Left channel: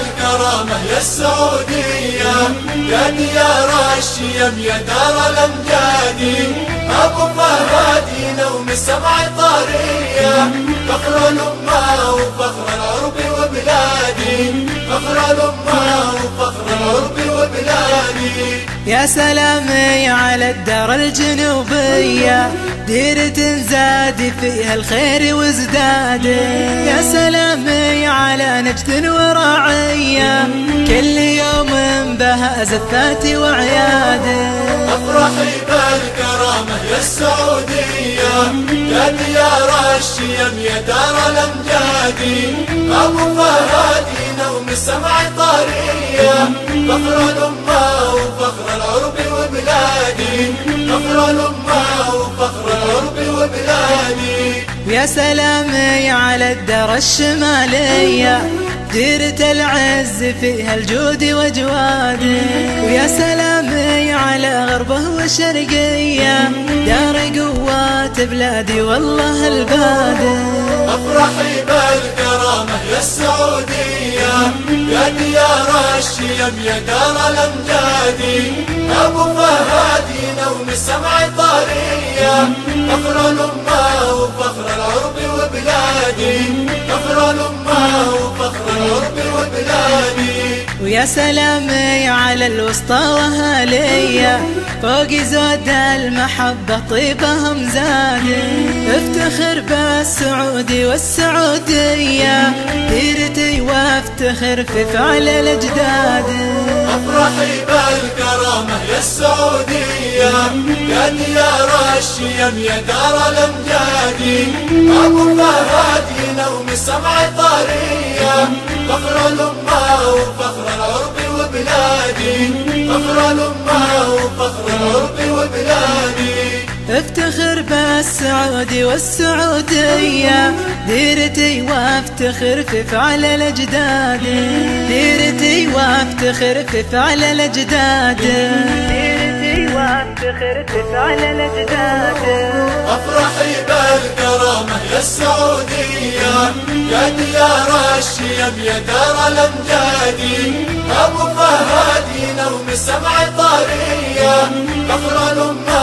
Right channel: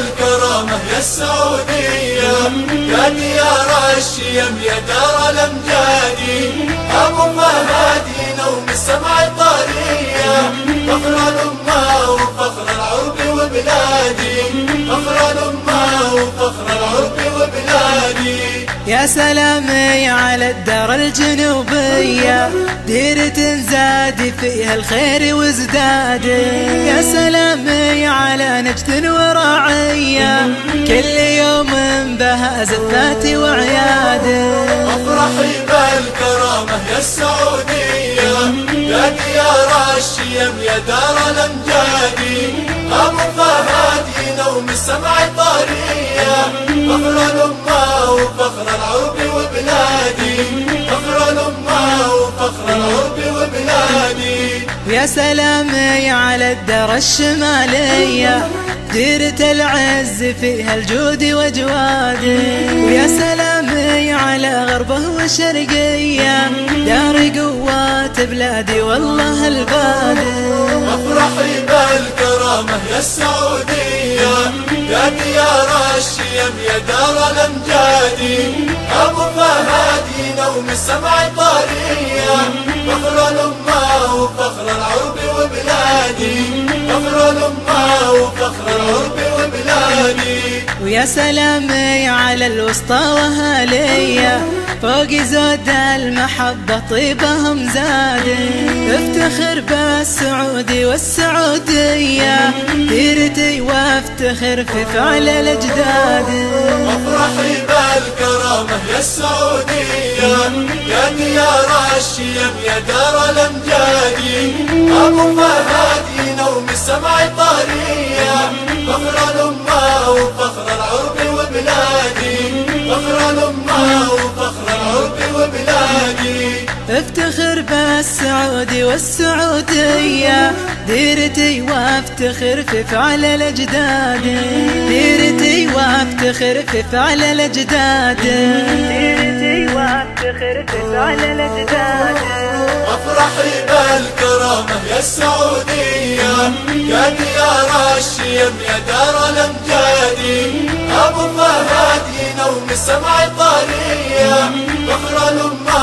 الكرامة يا السعودية، يا ديار الشيم يا دار الأمجاد، أبو فهد ينوم سمع طارية، فخر الأمة وفخر العرب وبلادي، فخر الأمة وفخر العرب وبلادي. يا سلامي على الدار الجنوبية، ديرة زاد فيها الخير وازداد. يا سلامي على نجد ورعية، كل يوم بها زفات وعياد. افرحي بالكرامة يا السعودية، يا ديار الشيم يا دار الأمجاد، أبو فهد ينوم سمع طارية، فخر الأمة وفخر العرب وبلادي، فخر الأمة وفخر العرب وبلادي. ويا سلامي على الدار الشمالية، ديرة العز فيها الجود وجواد. ويا سلامي على غربه وشرقية، دار قوات بلادي والله الباد. افرحي بالكرامة يا السعودية، يا ديار الشيم يا دار الأمجاد، أبو فهد ينوم سمع طارية، فخر الأمة وفخر العرب وبلادي، فخر الأمة وفخر العرب وبلادي. ويا سلامي على الوسطى وهالية، فوق زود المحبة طيبهم زاد. افتخر بالسعودي والسعودية، ديرتي وافتخر في فعل الأجداد. افرحي بالكرامة يا السعودية، يا ديار الشيم يا دار الأمجاد، أبو فهد ينوم سمع طارية، فخر الأمة وفخر العرب وبلادي، فخر الأمة وفخر العرب وبلادي. افتخر بالسعودي والسعودية، ديرتي وافتخر في فعل الأجداد. ديرتي وافتخر في فعل الأجداد، ديرتي وافتخر في فعل الأجداد. افرحي بالكرامة يا السعودية، يا ديار الشيم يا دار الأمجاد، أبو فهد ينوم سمع طارية، فخر الأمة